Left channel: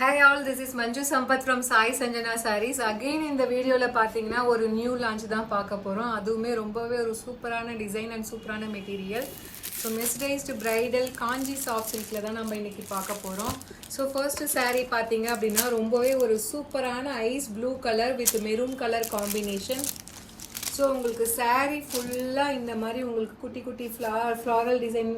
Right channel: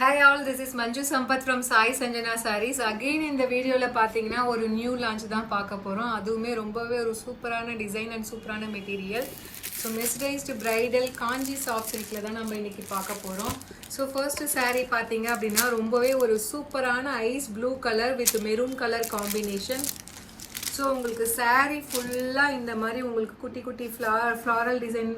Hi all, this is Manju Sampath from Sai Sanjana Sarees. Again இந்த வீடியோல பாத்தீங்கன்னா ஒரு நியூ லான்ச் தான் பார்க்க போறோம். அதுவுமே ரொம்பவே ஒரு சூப்பரான டிசைன் அண்ட் சூப்பரான மெட்டீரியல். ஸோ மெஸ்டைஸ்டு பிரைடல் காஞ்சி சாஃப்ட் சில்க்ல தான் நம்ம இன்னைக்கு பார்க்க போறோம். ஸோ ஃபர்ஸ்ட் saree பாத்தீங்க அப்படின்னா ரொம்பவே ஒரு சூப்பரான ice blue colour with maroon colour combination. So உங்களுக்கு saree ஃபுல்லாக இந்த மாதிரி உங்களுக்கு குட்டி குட்டி ஃப்ளாரல் டிசைன்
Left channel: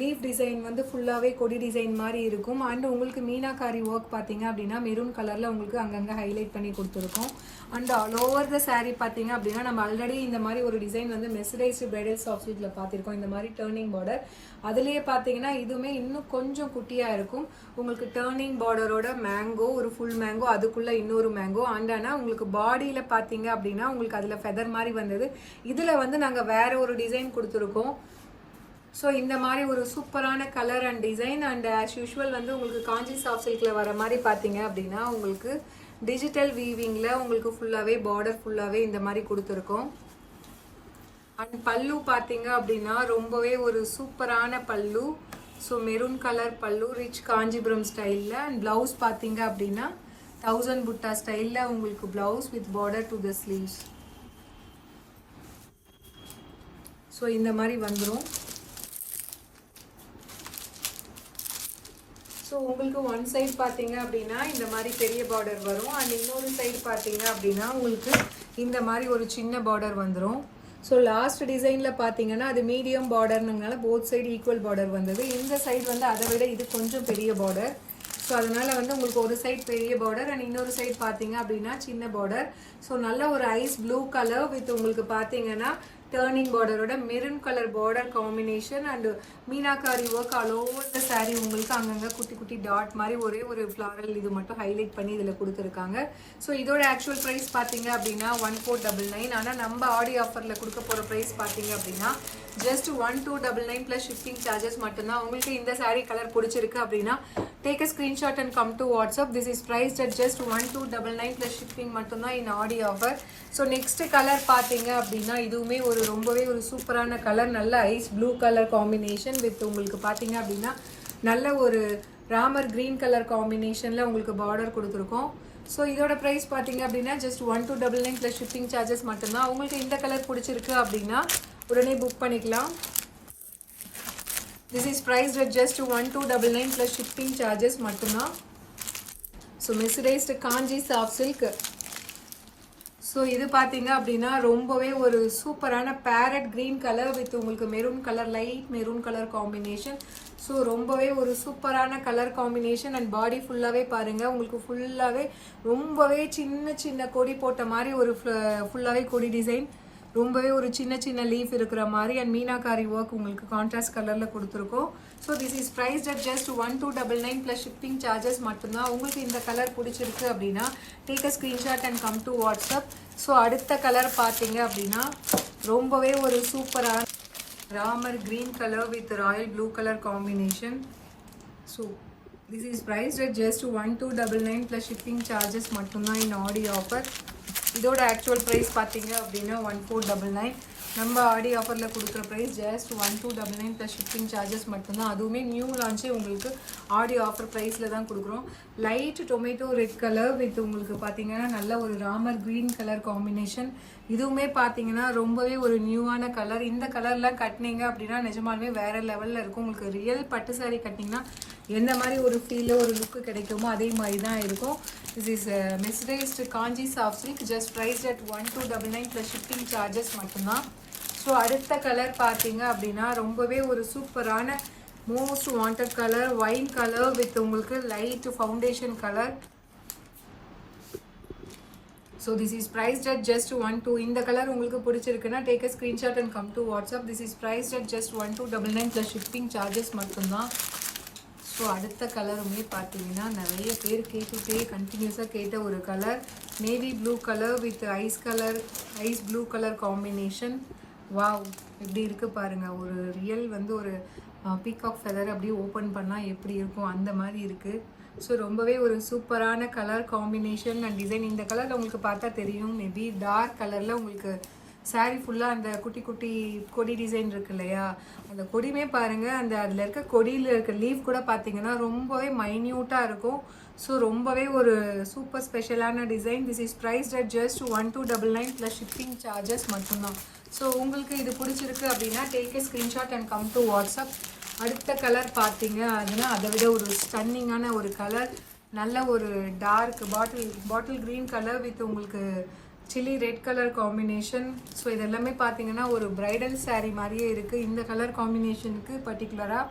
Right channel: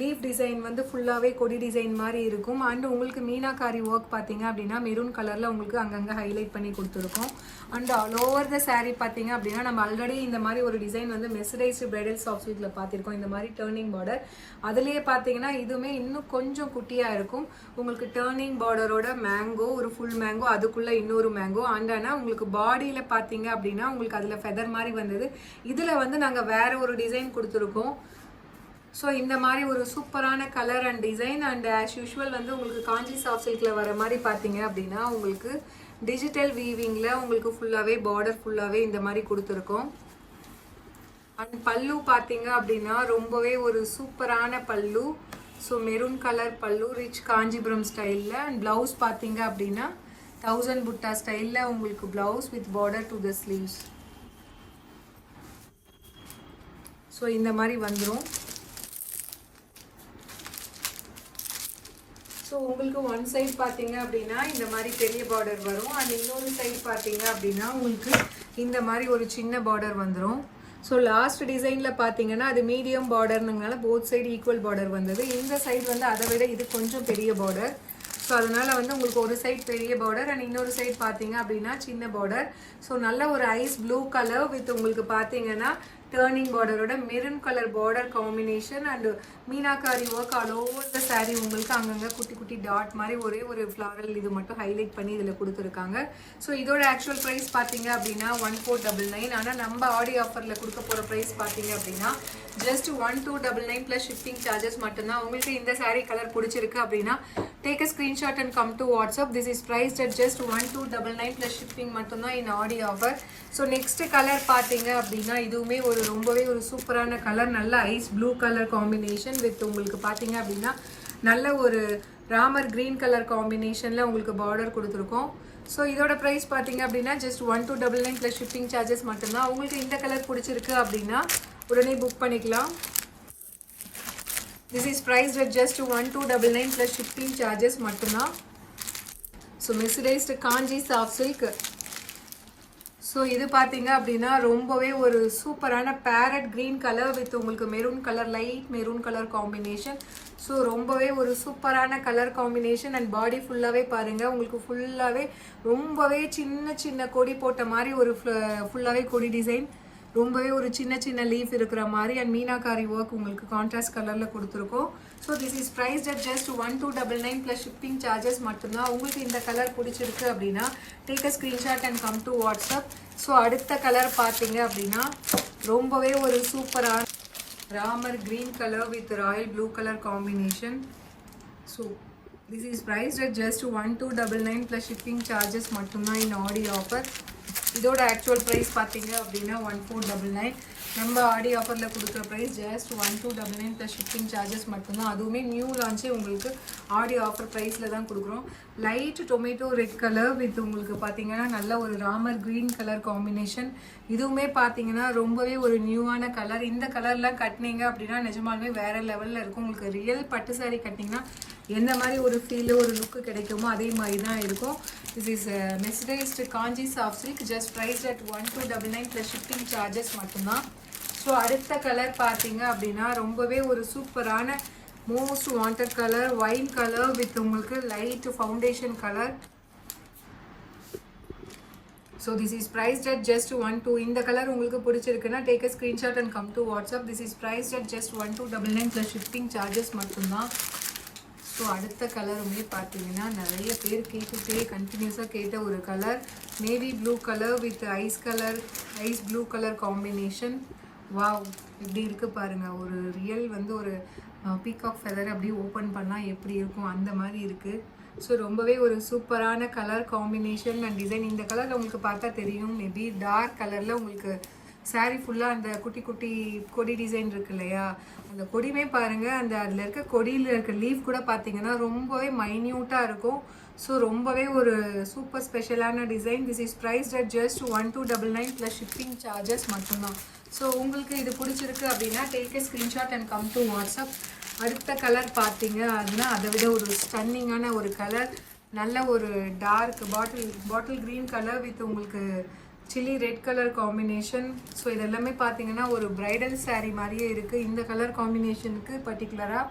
லீஃப் டிசைன் வந்து ஃபுல்லாகவே கொடி டிசைன் மாதிரி இருக்கும். அண்ட் உங்களுக்கு மீனாக்காரி ஒர்க் பார்த்தீங்க அப்படின்னா மெரூன் கலரில் உங்களுக்கு அங்கங்கே ஹைலைட் பண்ணி கொடுத்துருக்கோம். And all over the saree பார்த்தீங்க அப்படின்னா நம்ம ஆல்ரெடி இந்த மாதிரி ஒரு டிசைன் வந்து மெஸ்டைஸ்டு பிரைடல் சாஃப்ட் சில்க்ல பார்த்துருக்கோம். இந்த மாதிரி டர்னிங் பார்டர் அதுலேயே பார்த்தீங்கன்னா இதுவுமே இன்னும் கொஞ்சம் குட்டியாக இருக்கும். உங்களுக்கு டர்னிங் பார்டரோட மேங்கோ ஒரு ஃபுல் மேங்கோ அதுக்குள்ளே இன்னொரு மேங்கோ அண்ட் ஆனால் உங்களுக்கு பாடியில் பார்த்தீங்க அப்படின்னா உங்களுக்கு அதில் ஃபெதர் மாதிரி வந்தது. இதில் வந்து நாங்கள் வேற ஒரு டிசைன் கொடுத்துருக்கோம். ஸோ இந்த மாதிரி ஒரு சூப்பரான colour and design and as usual வந்து உங்களுக்கு காஞ்சி சாஃப்ட் சில்கில் வர மாதிரி பார்த்தீங்க அப்படின்னா உங்களுக்கு டிஜிட்டல் வீவிங்கில் உங்களுக்கு ஃபுல்லாகவே பார்டர் ஃபுல்லாகவே இந்த மாதிரி கொடுத்துருக்கோம். அண்ட் பல்லு பார்த்தீங்க அப்படின்னா ரொம்பவே ஒரு சூப்பரான பல்லு. ஸோ மெரூன் கலர் பல்லு ரிச் காஞ்சிபுரம் ஸ்டைலில். அண்ட் ப்ளவுஸ் பார்த்தீங்க அப்படின்னா 1000 புட்டா ஸ்டைலில் உங்களுக்கு blouse with border to the sleeves. So இந்த மாதிரி வந்துடும். ஸோ உங்களுக்கு ஒன் சைட் பார்த்தீங்க அப்படின்னா இந்த மாதிரி பெரிய பார்டர் வரும். அண்ட் இன்னொரு சைட் பார்த்தீங்க அப்படின்னா உங்களுக்கு இந்த மாதிரி ஒரு சின்ன பார்டர் வந்துடும். ஸோ லாஸ்ட் டிசைனில் பார்த்தீங்கன்னா அது மீடியம் பார்டர்னுங்கனால போத் சைடு ஈக்குவல் பார்டர் வந்தது. இந்த சைடு வந்து அதை விட இது கொஞ்சம் பெரிய பார்டர். ஸோ அதனால வந்து உங்களுக்கு ஒரு சைட் பெரிய பார்டர் அண்ட் இன்னொரு சைட் பார்த்தீங்க அப்படின்னா சின்ன பார்டர். ஸோ நல்ல ஒரு ஐஸ் ப்ளூ கலர் வித் உங்களுக்கு பார்த்தீங்கன்னா டர்னிங் பார்டரோட maroon colour border combination and meenakari work all over the saree உங்களுக்கு அங்கங்கே குட்டி குட்டி டாட் மாதிரி ஒரே ஒரு ஃப்ளவரல் இது மட்டும் ஹைலைட் பண்ணி இதில் கொடுத்துருக்காங்க. ஸோ இதோட ஆக்சுவல் ப்ரைஸ் பார்த்தீங்க அப்படின்னா 1499. ஆனால் நம்ம ஆடி ஆஃபரில் கொடுக்க போகிற ப்ரைஸ் பார்த்தீங்க அப்படின்னா ஜஸ்ட் 1299 ப்ளஸ் ஷிப்பிங் சார்ஜஸ் மட்டும்தான். உங்களுக்கு இந்த saree கலர் பிடிச்சிருக்கு அப்படின்னா take a screenshot and come to WhatsApp. This is priced at just 1299 plus shipping மட்டும்தான் in Aadi offer. So next colour பார்த்தீங்க அப்படின்னா இதுவுமே ஒரு ரொம்பவே ஒரு சூப்பரான கலர் நல்ல ice blue colour combination with உங்களுக்கு பார்த்தீங்க அப்படின்னா நல்ல ஒரு ராமர் கிரீன் கலர் காம்பினேஷனில் உங்களுக்கு பார்டர் கொடுத்துருக்கோம். ஸோ இதோட ப்ரைஸ் பார்த்தீங்க அப்படின்னா ஜஸ்ட் 1299 ப்ளஸ் ஷிப்பிங் சார்ஜஸ் மட்டும்தான். உங்களுக்கு இந்த கலர் பிடிச்சிருக்கு அப்படின்னா உடனே புக் பண்ணிக்கலாம். This is price at just 1299 plus shipping charges மட்டும்தான். ஸோ மெஸ்டைஸ்டு காஞ்சி சாஃப்ட் சில்க். ஸோ இது பார்த்தீங்க அப்படின்னா ரொம்பவே ஒரு சூப்பரான பேரட் கிரீன் கலர் வித் உங்களுக்கு maroon colour light maroon colour combination. So ரொம்பவே ஒரு சூப்பரான கலர் காம்பினேஷன் அண்ட் பாடி ஃபுல்லாகவே பாருங்கள் உங்களுக்கு ஃபுல்லாகவே ரொம்பவே சின்ன சின்ன கொடி போட்ட மாதிரி ஒரு ஃபுல்லாகவே கொடி டிசைன் ரொம்பவே ஒரு சின்ன சின்ன லீஃப் இருக்கிற மாதிரி அண்ட் மீனாக்காரி ஒர்க் உங்களுக்கு கான்ட்ராஸ்ட் கலரில் கொடுத்துருக்கோம். So this is price at just 1299 plus shipping charges மட்டும்தான். உங்களுக்கு இந்த கலர் பிடிச்சிருக்கு அப்படின்னா take a screenshot and come to WhatsApp. So அடுத்த கலர் பார்த்தீங்க அப்படின்னா ரொம்பவே ஒரு சூப்பரான Ramar green colour with royal blue colour combination. So this is price at just 1299 plus shipping charges மட்டும்தான் இன் ஆடி ஆஃபர். இதோட ஆக்சுவல் ப்ரைஸ் பார்த்தீங்க அப்படின்னா 1499. நம்ம ஆடி ஆஃபரில் கொடுக்குற price just 1299 plus shipping charges மட்டும்தான். அதுவுமே நியூ லான்ச்சு உங்களுக்கு ஆடி ஆஃபர் ப்ரைஸில் தான் கொடுக்குறோம். Light tomato red colour with உங்களுக்கு பார்த்தீங்கன்னா நல்ல ஒரு ராமர் க்ரீன் கலர் காம்பினேஷன். இதுவுமே பார்த்தீங்கன்னா ரொம்பவே ஒரு நியூவான கலர். இந்த கலர்லாம் கட்டினீங்க அப்படின்னா நிஜமாலுமே வேறு லெவலில் இருக்கும். உங்களுக்கு ரியல் பட்டு சாரி கட்டிங்கன்னா எந்த மாதிரி ஒரு ஃபீல் ஒரு லுக்கு கிடைக்குமோ அதே மாதிரி தான் இருக்கும். This is mesmerized Kanchi soft silk just price at 1299 plus shipping charges மட்டும்தான். ஸோ அடுத்த கலர் பார்த்தீங்க அப்படின்னா ரொம்பவே ஒரு சூப்பரான most wanted colour white colour with உங்களுக்கு light foundation colour. So this is priced at just 12. இந்த கலர் உங்களுக்கு பிடிச்சிருக்குன்னா take a screenshot and come to WhatsApp. This is priced at just 1299 plus shipping charges மட்டும்தான். So அடுத்த colour வந்து பார்த்தீங்கன்னா நிறைய பேர் கண்டினியூஸாக கேட்ட ஒரு colour navy blue colour with ice blue colour combination. Wow எப்படி இருக்குது பாருங்கள். ஒரு ரியல் வந்து ஒரு பீகாக் ஃபெதர் அப்படியே ஓப்பன் பண்ணால் எப்படி இருக்கும் அந்த மாதிரி இருக்குது. ஸோ ரொம்பவே ஒரு சூப்பரான கலர் காம்பினேஷன் அண்ட் டிசைன். இந்த கலர் உங்களுக்கு பார்த்தா தெரியும். மேபி டார்க் கலரில் உங்களுக்கு saree ஃபுல்லாக அந்த குட்டி குட்டி கொடி டிசைன் இருக்கு இல்லையா, அந்த கொடியுமே பாருங்கள், அந்த அதில் இருக்க கொடியில் இருக்க லீஃப் கூட பார்த்தீங்கன்னா ரொம்பவே மைன்யூட்டாக இருக்கும். ஸோ ரொம்பவே ஒரு சூப்பர் ஸ்பெஷலான design. This is priced at just 1299 plus shipping charges மட்டும்தான். ஸோ உங்களுக்கு இது பிடிச்சிருக்கு அப்படின்னா take a screenshot and come to WhatsApp. அடுத்த கலர் பார்த்தீங்க அப்படின்னா அதை விட ஒரு ஸ்டன்னிங்கான ஒரு கலர், நல்ல ஒரு dark bottle green colour with உங்களுக்கு chilli red colour combination. So இதெல்லாமே பார்த்தீங்கன்னா ஒரு பிரைடல் saree மாதிரியே இருக்குது இந்த கலர் காம்பினேஷனுக்கு பர்டிகுலராக.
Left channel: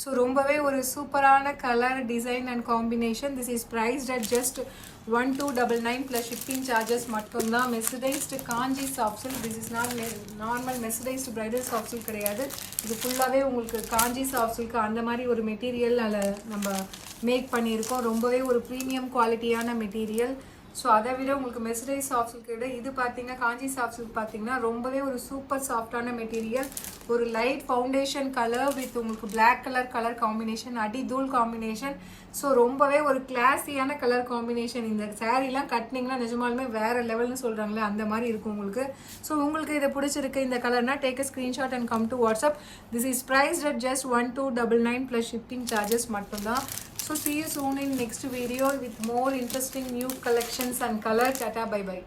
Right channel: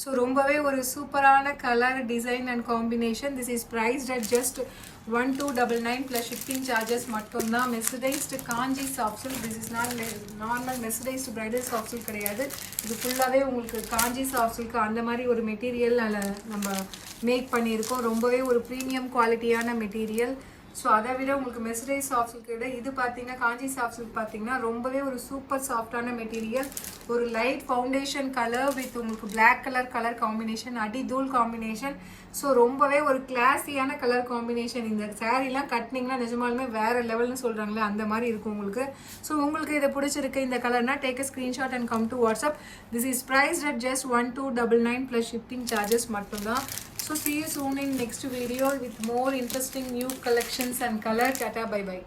ஸோ ரொம்பவே ஒரு சூப்பரான colour design and combination. This is priced at just 1299 plus shipping charges மட்டும்தான். Mercerized Kanchi soft silk. This is not normal mercerized bridal soft silk கிடையாது. இது ஃபுல்லாகவே உங்களுக்கு காஞ்சி சாஃப்ட் சில்க் அந்த மாதிரி ஒரு மெட்டீரியல் நம்ம மேக் பண்ணியிருக்கோம். ரொம்பவே ஒரு ப்ரீமியம் குவாலிட்டியான மெட்டீரியல். ஸோ அதை விட உங்களுக்கு மெஸ்டரைஸ் சாஃப்ட் சில்க் விட இது பார்த்தீங்கன்னா காஞ்சி சாஃப்ட் சில்க் பார்த்தீங்கன்னா ரொம்பவே ஒரு சூப்பர் சாஃப்டான மெட்டீரியல். ஒரு லைட் ஃபவுண்டேஷன் கலர் வித் உங்களுக்கு பிளாக் கலர் காம்பினேஷன், அடி தூள் காம்பினேஷன். ஸோ ரொம்பவே ஒரு கிளாஸியான கலர் காம்பினேஷன். இந்த சாரீலாம் கட்டினீங்கன்னா நிஜமாலுமே வேற லெவல்னு சொல்கிறாங்களே அந்த மாதிரி இருக்கும் உங்களுக்கு. ஸோ உங்களுக்கு இதை பிடிச்சிருக்கு இந்த கலர்னா take a screenshot and come to WhatsApp. This is priced at just 1299 plus shipping charges மட்டும்தான். So see you soon in next video with more interesting new collections and color. Tata, bye bye.